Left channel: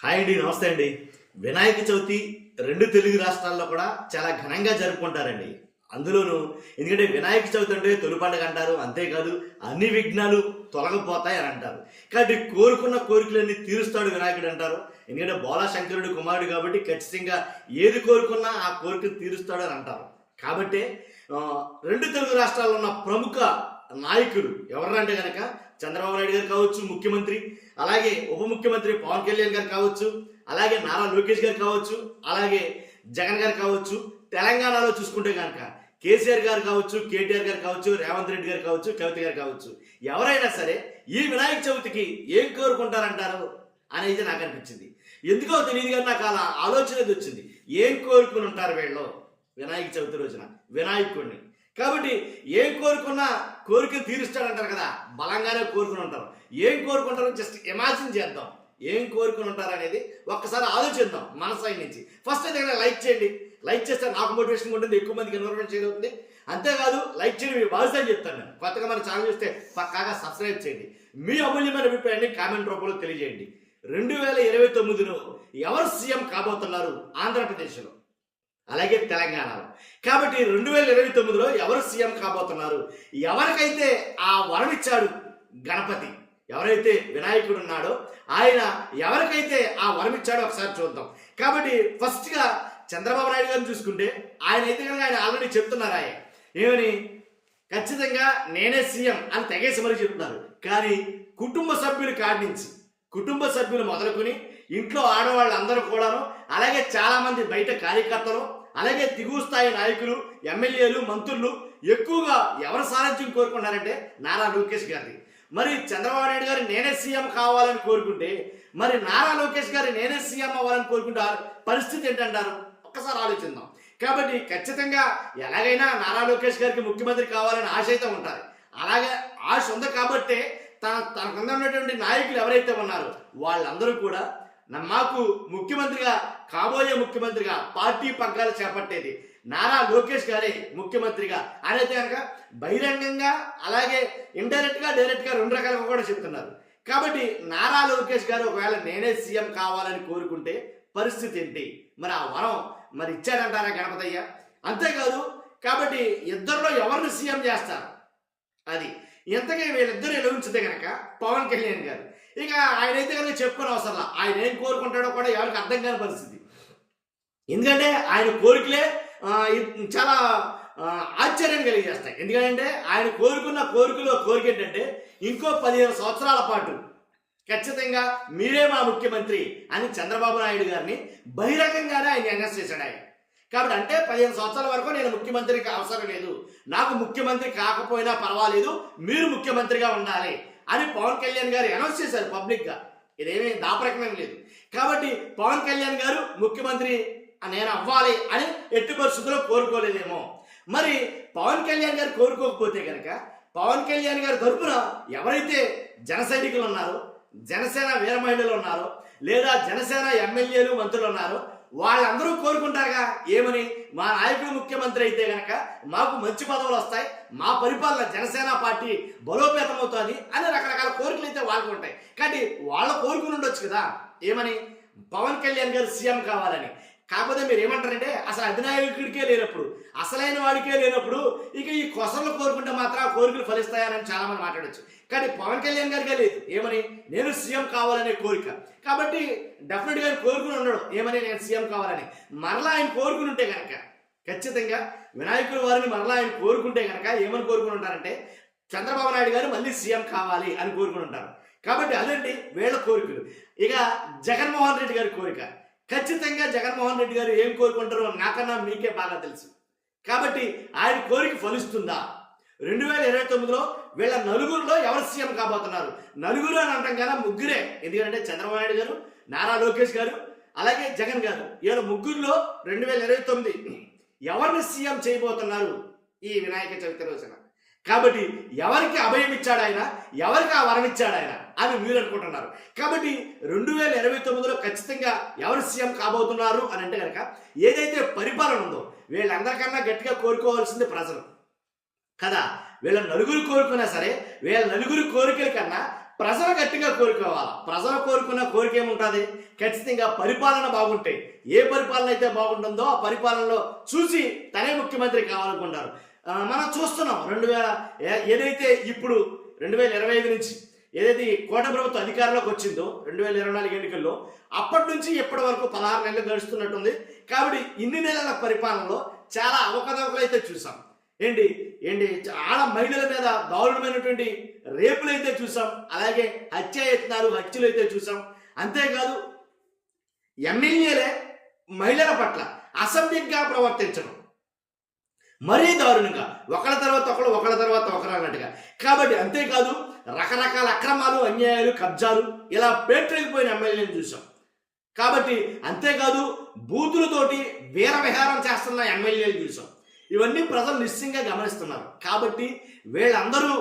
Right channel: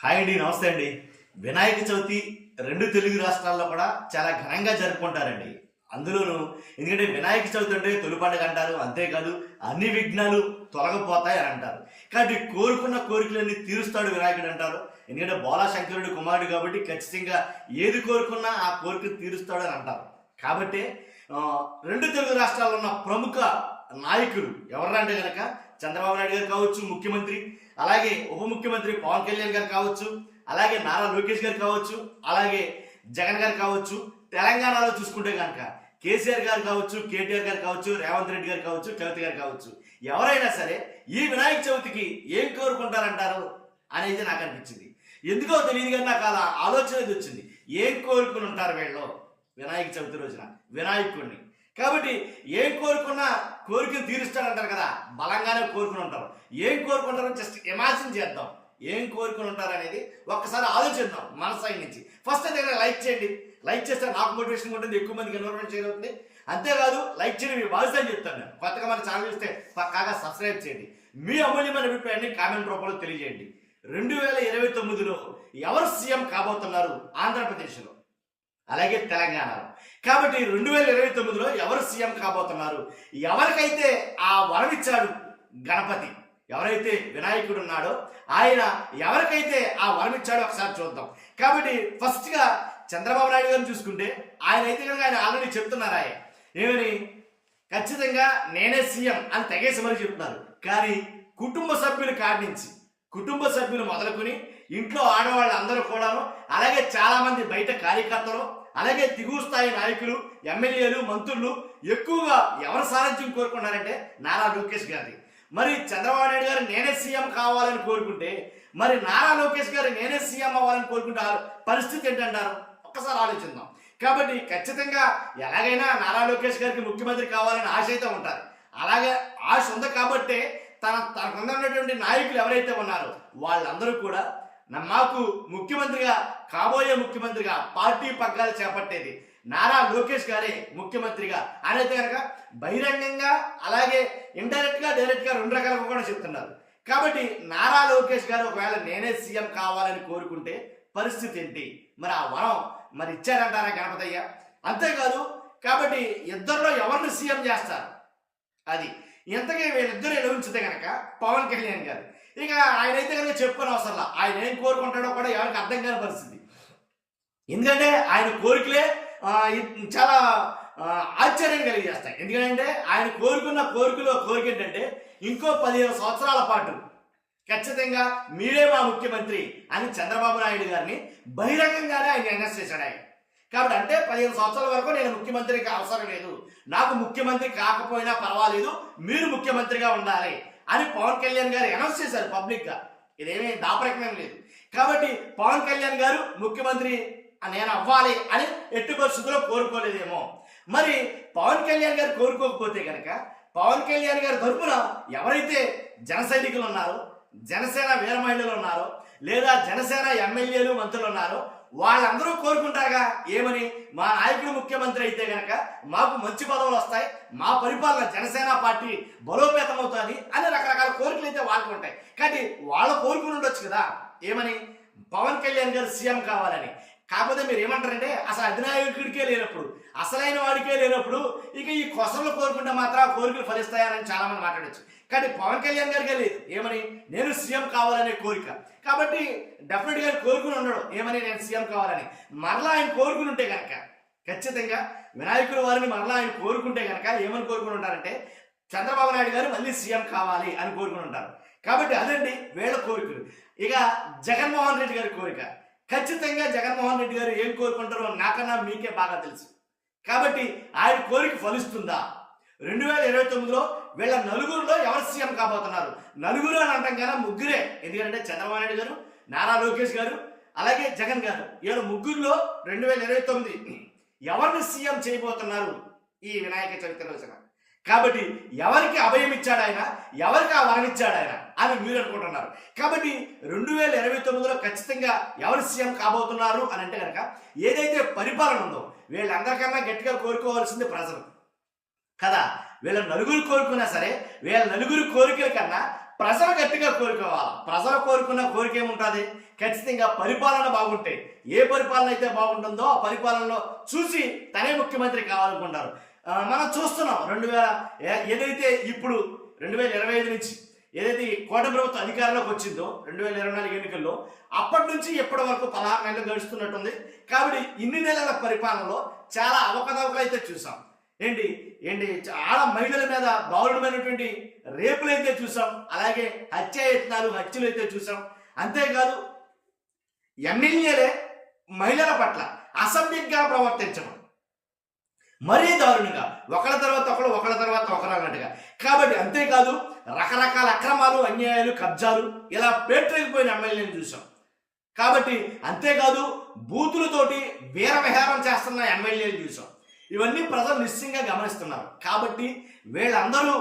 Hi అండి, నమస్తే అండి. వినాయక చవితి రెండు తెలుగు రాష్ట్రాల్లో కూడా చాలా ఘనంగా జరుపుకుంటారండి. అందులోనూ ఎందుకంటే వినాయక చవితి అంటే తొలి పండుగ అంటారు. అంతేకాదు అన్ని విఘ్నాలు తొలగిపోతాయి అని అంటారు. కాబట్టి కోరుకున్న కోరికలన్నీ తీరుస్తాడు వినాయకుడు అంటారు. ఎందుకంటే బోళాశంకరుడు కుమారుడు కాబట్టి ఖచ్చితంగా ఏది కోరుకున్నా ఆ కోరికను తీరుస్తాడు అని అంటారు. కాబట్టి రెండు తెలుగు రాష్ట్రాల్లో ఉన్న ప్రముఖ నాయకులు ఎవరంటే కనుక చంద్రబాబు నాయుడు గారు కావచ్చు ముఖ్యమంత్రి, అలాగే ఉప ముఖ్యమంత్రి పవన్ కళ్యాణ్ గారు కావచ్చు, అలాగే నారా లోకేష్ గారు కావచ్చు, అలాగే జగన్ గారు కావచ్చు. తెలంగాణలో చూసుకుంటే కనుక కేసీఆర్ గారు కావచ్చు, కేటీఆర్ గారు కావచ్చు, రేవంత్ రెడ్డి గారు కావచ్చు, కవిత గారు కావచ్చు. ఎవరైనా సరే ఈ వినాయక చవితికి ఏం కోరుకుంటారంటారు అనేది నాకు అనిపించింది. ఎందుకో తెలియదు కానీ నాకు అలా ఆలోచన వచ్చింది. ఏం కోరుకుని ఉంటారు వీళ్ళు వినాయక చవితి రోజున వినాయకుడిని. కాబట్టి ఏం కోరుకున్నా కోరికను తీరుస్తాడంటారు కదా, బలంగానే కోరుకుని ఉంటారు. ఏం కోరుకుంటారో జస్ట్ ఇమాజిన్ చేద్దాం. ఏం కోరుకుని ఉంటారు అనేది ఒక్కసారి ఆలోచిద్దాం మన సైడ్ నుంచి. ఫస్ట్ అయితే లైక్ చేయండి. లైక్ చేస్తే నాకు మోటివేషన్ ఉంటుంది, ఎక్కువ మందికి ఇన్ఫర్మేషన్ చేయగలుగుతుంది. అంతేకాదు లైక్ చేయడం మీ బాధ్యత అని చెప్తాను నేను. కొత్తగా మన ఛానల్ చూస్తే పక్కాగా సబ్స్క్రైబ్ చేయండి. మీ అమూల్యమైన అభిప్రాయాన్ని కామెంట్ రూపంలో తెలియజేయండి. 2029లో ఎవరు సీఎం కాబోతున్నారు ఆంధ్రప్రదేశ్లో, అలాగే తెలంగాణలో? కాబట్టి 2029లో ఎవరు సీఎం కాబోతున్నారు? ఎవరికైతే ఆ వరం ఇచ్చాడు గణపతి, ఎవరైతే వినాయకుడు ఉన్నాడో ఆయన ఎవరికైతే ఆ వరం ఇచ్చాడో ఒకసారి చూద్దాం. కాబట్టి ఫస్ట్గా చంద్రబాబు నాయుడు గారిని చూసుకుంటే ఆయన అయితే కనుక ఆయన ఆల్రెడీ చెప్తున్నారు. ఏమని? ఖచ్చితంగా నేనే సీఎం అని తెగేసి మరీ చెప్తున్నారు. కానీ కుటుంబ సభ్యుల కాడి నుంచి, కుటుంబ సభ్యులు మొదలుకొని ఇంట్లో ఆడవాళ్ళు అందరూ కూడాను, అలాగే చాలామంది బయట కార్యకర్తలు, అలాగే దిగువ స్థాయి నాయకులు, ఎమ్మెల్యేలు, మంత్రులు ఎక్కువగా ఎవరి సారథ్యం కోరుకున్నారంటే నారా లోకేష్ గారిని. మరి చంద్రబాబు నాయుడు గారు నేనే సీఎం కావాలని కోరుకుంటే, మరి నారా లోకేష్ గారు నేనే సీఎం అవ్వాలని కోరుకుంటే పరిస్థితి ఏంటంటారు? ఒక్కసారి ఆలోచిద్దాం. కాబట్టి ఖచ్చితంగా ఎలాగైనా నారా లోకేష్ గారికి ముఖ్యమంత్రి కావాలని ఆశ అయితే ఉంటుంది. అలాగే ఆశ ఉంది కాబట్టే తనకు ఉన్నటువంటి నాయకులు ఎవరైతే ఉన్నారో వాళ్ళందరూ కూడా మాకు ముఖ్యమంత్రిగా, కాబోయే ముఖ్యమంత్రిగా, పార్టీ పగ్గాలు చేపట్టేది నారా లోకేష్ గారే ముఖ్యమంత్రిగా అనేది కనుక బహిరంగంగా, అలాగే ఇండైరెక్ట్గా, డైరెక్ట్గా రెండు రకాలుగా కూడా చెప్తున్నారు. కాబట్టి నారా లోకేష్ గారు ఒకవేళ నేనే సీఎం కావాలని కోరుకుంటే పరిస్థితి ఏంటి? మరి ఆ వరం మరి ఇచ్చాడంటారా గణపతయ్య? అంతేకాదు. కాబట్టి ఇద్దరిలో ఎవరిని సీఎం చేస్తారు అది. ఇంతకీ వీళ్ళిద్దరూ ఎలా ఉంచితే కనుక పవన్ కళ్యాణ్ గారు, ఇక ఆయన అయితే కనుక చెప్పుకొని అవసరంలా. ఆయన ఏం కోరుకుంటాడో కూడా ఎవరికి అర్థం కాని పరిస్థితి. ఎందుకంటే ఆయన కోరికలే చాలా ఆశ్చర్యాన్ని కలిగజేస్తాయి. ఎందుకంటే ఆయన కోరుకున్న కోరిక ఏంటంటే ఇంకో 15 సంవత్సరాల పాటు ఖచ్చితంగా మీరే మా ముఖ్యమంత్రి అని చంద్రబాబు నాయుడు గారిని బహిరంగంగానే ఆయన అనౌన్స్ చేశాడు ఆయన. కాబట్టి అంటే 15 సంవత్సరాల వరకు నేను ముఖ్యమంత్రికి అవసరం లేదు, నాకు ముఖ్యమంత్రి కాకపోయినా పర్వాలేదు, మీరు ముఖ్యమంత్రిగా ఉండాలి అని పవన్ కళ్యాణ్ గారు అనౌన్స్ చేశారు పబ్లిక్గా. ఇదేమీ దాపరికమేం లేదు. కాబట్టి పవన్ కళ్యాణ్ గారు ముఖ్యమంత్రి నేను అవ్వాలి అని ఎట్టి పరిస్థితుల్లో కోరుకోలేదేమో. మరి పవన్ కళ్యాణ్ గారు కోరుకోకపోతే కనుక పవన్ కళ్యాణ్ గారి తరపున ఎవరైతే జన సైనికులు ఉన్నారో, జనసేన వీర మహిళలు ఉన్నారో, లేదా జనసేన ఎమ్మెల్యేలు, మంత్రులు ఉన్నారో వాళ్ళందరూ కోరుకుంటారుగా. ఏమని? మా నాయకుడు ముఖ్యమంత్రి అయితే కనుక మాకు మంచి పదవులు వస్తాయి, మా పరిపాలన జనసేన పార్టీ బలోపేతం అవుతుంది అని రకరకాల కోరికలు అయితే వాళ్ళకు ఉంటాయి. కానీ వాళ్ళ కోరుకుని ఉండొచ్చు కదా. ఏమని? పవన్ కళ్యాణ్ గారు సీఎం కావాలని. కాకపోతే మీరు ఏమంటారంటే అసలు అధినాయకుడికే లేనప్పుడు, అసలైన వాడికే లేనప్పుడు ఇక ఈ కొసలు కోరుకుంటే మాత్రం ఆ కోరికలు ఫలిస్తాయని చాలామంది మాట్లాడచ్చు. కానీ పవన్ కళ్యాణ్ గారికే లేదు. ఏమని? నేను సీఎం కావాలనే కోరిక. కాబట్టి డెఫినెట్గా ఆయన కోరుకుని ఉండడు. ఏమని? నేను సీఎం కావాలని. మరలా ఆయన కోరుకుని ఉంటే కనుక ఖచ్చితంగా వినాయకుల వారిని మరలా ఆయన కోరుకుంటే కనుక ఏమని కోరుకుని ఉంటారంటే చంద్రబాబు నాయుడు గారు మళ్ళీ సీఎం కావాలి అని కోరుకుని ఉంటారు. కాబట్టి అదండి వీళ్ళ కోరికలు. ఇక జగన్మోహన్ రెడ్డి గారి కోరిక. ఖచ్చితంగా జగన్మోహన్ రెడ్డి గారు ఏం కోరుకుంటారో నాకన్నా మీకే బాగా తెలుసు. కాబట్టి ఆయన కోరిక ఫలిస్తుందా? 2029లో వీళ్ళ నలుగురులో ఎవరు సీఎం కాబోతున్నారు? నలుగురు అని అంటాం కదా, ముగ్గురే. ఎందుకంటే చంద్రబాబు నాయుడు గారు, నారా లోకేష్ గారు, అలాగే జగన్ గారు. వీళ్ళ ముగ్గురులో 2029 ఎవరిని సీఎం చేయబోతున్నారు ఈ వినాయక చవితి రోజున? కాబట్టి ఎవరికి అభయం ఇచ్చాడు ఆయన, ఎవరికి ఆ వరం ఇచ్చాడు ఆయన అని మీరు అనుకుంటున్నారు. కాబట్టి 2029లో ఖచ్చితంగా ఎవరు సీఎం కాబోతున్నారు అని అంటే కనుక ఏదైతే పరిపాలన ఉందో వీళ్ళందరికన్నా గట్టిగా కోరుకోవాల్సింది ప్రజలు కదా. వీళ్ళ నలుగురు కోరుకున్నా సరే వీళ్ళ నలుగురు కోరికల కన్నా ప్రజలు గట్టిగా కోరుకోవాలా. ప్రజలు కోరుకున్న కోరిక ఏముంటుంది? ఖచ్చితంగా పరిపాలన బాగుంటే, ఏ పరిపాలన అయితే బాగుంటుందో ఆ పరిపాలనలో చూసి తనే ముఖ్యమంత్రి కావాలనుకుంటారు. మనం చూస్తున్నాం ఏదైతే ఇప్పుడు 2025 నుంచి ఏదైతే ఈ కూటమి ప్రభుత్వం అధికారంలోకి వచ్చిందో 2024 ఎన్నికల్లో, అప్పటి నుంచి ఇప్పటి వరకు 16 నెలలు గడుస్తున్నట్టుంది. కాబట్టి ఇన్ని నెలల పరిపాలనలో చాలా అవకతవకలు అయితే చూసాం. ఏంటి ఏంటి చాలా మహిళల మీద దారుణమైనటువంటి రేపులు అయితే చూసాం. అలాగే హత్యలు అయితే చూసాం. అంతేకాదు ఎమ్మెల్యేలే మహిళల పట్ల అసభ్యంగా ప్రవర్తించడం మరీ దారుణంగా, ఒకళ్ళ తర్వాత ఒకరు అన్నట్టుగా. కాబట్టి అంతేకాదు రకరకాల అక్రమాలు, అన్యాయాలు, కబ్జాలు ఇలా పేటరేగిపోయిన ఎమ్మెల్యేలను చూసాం. కాబట్టి అంతేకాదు బూతులతోటి వీరవిహారం చేస్తున్న ఎమ్మెల్యేలు చూసాం. ఇవన్నీ ప్రజలు నిశ్చయంగా గమనిస్తున్నారు. కాబట్టి వీళ్ళందరూ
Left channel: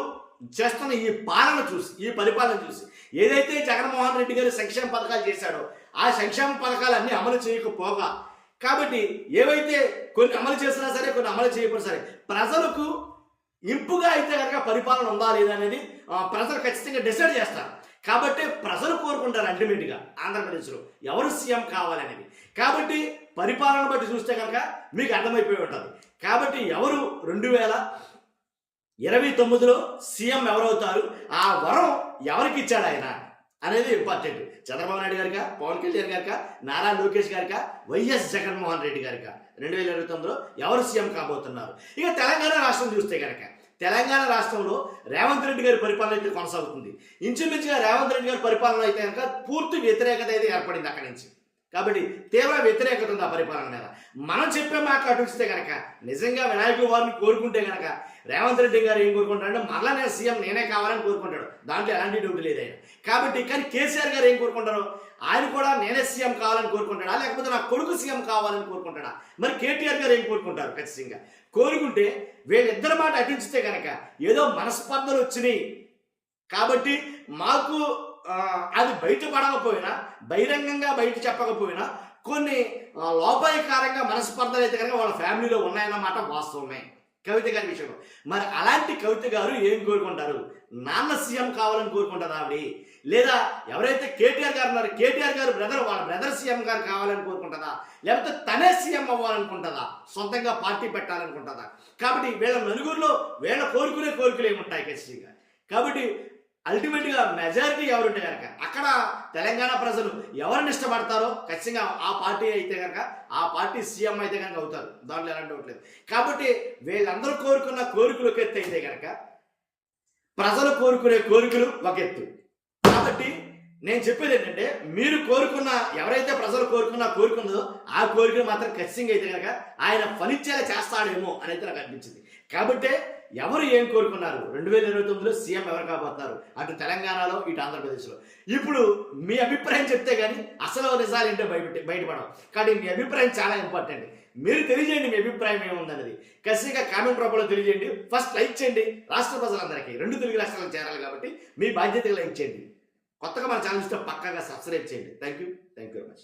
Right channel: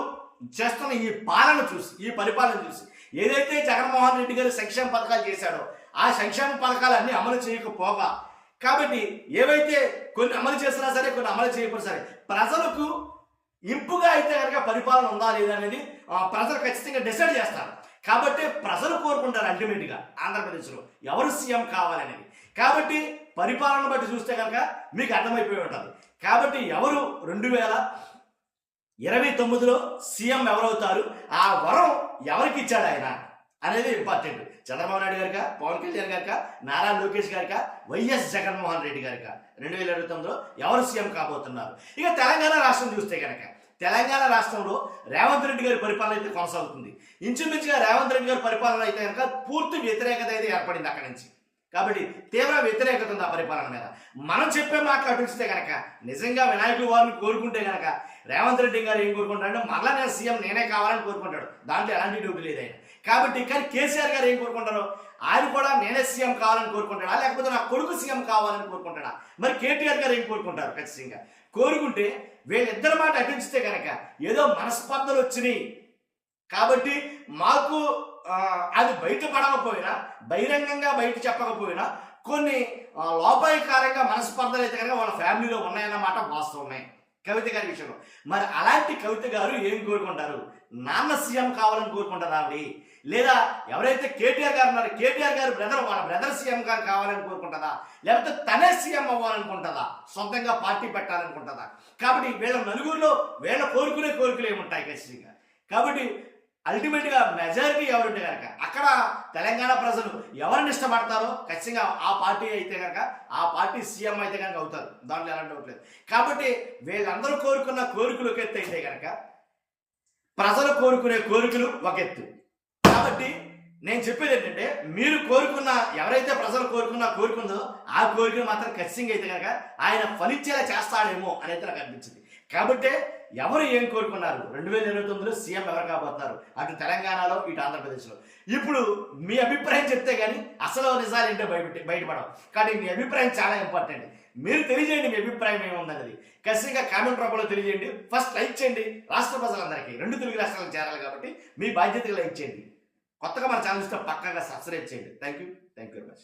చేస్తున్న ఈ పరిపాలన చూసి ఏదైతే జగన్మోహన్ రెడ్డి గారు సంక్షేమ పథకాలు చేశాడో ఆ సంక్షేమ పథకాలన్నీ అమలు చేయకపోగా, కాబట్టి ఏవైతే కొన్ని అమలు చేసినా సరే, కొన్ని అమలు చేయకపోయినా సరే, ప్రజలకు ఇంపుగా అయితే కనుక పరిపాలన ఉందా లేదా అనేది ప్రజలు ఖచ్చితంగా డిసైడ్ చేస్తారు. కాబట్టి ప్రజలు కోరుకుంటారు అల్టిమేట్గా ఆంధ్రప్రదేశ్లో ఎవరు సీఎం కావాలనేది. కాబట్టి పరిపాలన బట్టి చూస్తే కనుక మీకు అర్థమైపోయి ఉంటుంది. కాబట్టి ఎవరు 2029లో సీఎం ఎవరవుతారు, ఆ వరం ఎవరికి ఇచ్చాడు ఆయన అనేది ఇంపార్టెంట్. చంద్రబాబు నాయుడు గారికా, పవన్ కళ్యాణ్ గారికా, నారా లోకేష్ గారికా, వైఎస్ జగన్మోహన్ రెడ్డి గారికా 2029లో ఎవరు సీఎం కాబోతున్నారు. ఇక తెలంగాణ రాష్ట్రం చూస్తే కనుక తెలంగాణ రాష్ట్రంలో రేవంత్ రెడ్డి గారి పరిపాలన అయితే కొనసాగుతుంది. ఇంచుమించుగా రేవంత్ రెడ్డి గారి పరిపాలన అయితే కనుక పూర్తి వ్యతిరేకత అయితే ఏర్పడింది అక్కడి నుంచి. కాబట్టి తీవ్ర వ్యతిరేకత ఉంది ఆ పరిపాలన మీద. మనం చెప్పే మాటలు అటుస్తే కనుక నిజంగా వినాయకుల వారిని కోరుకుంటే కనుక రేవంత్ రెడ్డి గారు ఏం కోరుకుంటాడంటే మరలా నేను సీఎం నేనే కావాలని కోరుకుంటాడు. దాంట్లో ఎలాంటి డ్యూటీ లేదు ఆయన. కాబట్టి కానీ కేసీఆర్ గారు ఏం కోరుకుంటారు? ఆయన కూడా నేనే సీఎం కావాలని కోరుకుంటాడా, లేకపోతే నా కొడుకు సీఎం కావాలని కోరుకుంటాడా? మరి కేటీఆర్ గారు ఏం కోరుకుంటారు? ఖచ్చితంగా కోరుకుంటే వీళ్ళిద్దరి మాట అటించితే కనుక ఏదో మనస్పర్ధలు వచ్చినాయి కాబట్టి మాకు అది బయటపడకపోయినా, బహిరంగంగా బయట చెప్పకపోయినా కొన్ని లోపాయకారంగా మనస్పర్ధలు అయితే కనుక వాళ్ళ ఫ్యామిలీలో ఉన్నాయన్నమాట వాస్తవమే కవిత గారి విషయంలో. మరి అలాంటి కవిత గారు ఏం కోరుకుంటారు? నాన్న సీఎం కావాలని కోరుకుంటారా ఆవిడ? లేదా ఎవరైతే కేటీఆర్ గారు ఉన్నారో కేటీఆర్ గారు వాళ్ళ బ్రదర్ సీఎం గారు కావాలని కోరుకుంటుందా, లేకపోతే తనే సీఎం అవ్వాలనుకుంటుందా, సొంతంగా పార్టీ పెట్టాలనుకుంటుందా? కాబట్టి వీళ్ళ నలుగురిలో వీళ్ళ కోరుకునే కోరికలు ఏముంటాయి ఖచ్చితంగా. కాబట్టి అల్టిమేట్గా మెజారిటీ ఎవరుంటే కనుక అక్కడ తెలంగాణ ప్రజలు ఎవరిని ఇష్టపడతారో ఖచ్చితంగా ఆ పార్టీ అయితే కనుక ఆ పార్టీ సీఎం అయితే కనుక అవుతారు. దాంట్లో ఎలాంటి డౌట్ లేదు. కాబట్టి వీళ్ళందరూ కోరుకున్న కోరికలు ఒక ఎత్తు అయితే కనుక ప్రజలు కోరుకునే కోరికలు ఒక ఎత్తు. కాబట్టి నేను చెప్పేది ఏంటంటే మీరు కోరుకున్న ఎవరైతే ప్రజలు కోరుకుందో ఆ కోరికలు మాత్రం ఖచ్చితంగా అయితే కనుక ఆయన ఫలించేలా చేస్తాడేమో అనేది నాకు అనిపించింది. కాబట్టి ఎవరు ఏం కోరుకున్నారు? 2029లో సీఎం ఎవరు కాబోతున్నారు, అటు తెలంగాణలో ఇటు ఆంధ్రప్రదేశ్లో. ఇప్పుడు మీ అభిప్రాయం చెప్తే కానీ అసలు నిజాలు ఏంటో బయటపడవు. కాబట్టి మీ అభిప్రాయం చాలా ఇంపార్టెంట్. మీరు తెలియజేయండి మీ అభిప్రాయం ఏముందన్నది ఖచ్చితంగా కామెంట్ రూపంలో తెలియజేయండి. ఫస్ట్ లైక్ చేయండి. రాష్ట్ర ప్రజలందరికీ 2 తెలుగు రాష్ట్రాలకు చేరాలి కాబట్టి మీ బాధ్యతగా లైక్ చేయండి. కొత్తగా మన ఛానల్ ఇస్తే పక్కాగా సబ్స్క్రైబ్ చేయండి. Thank you very much.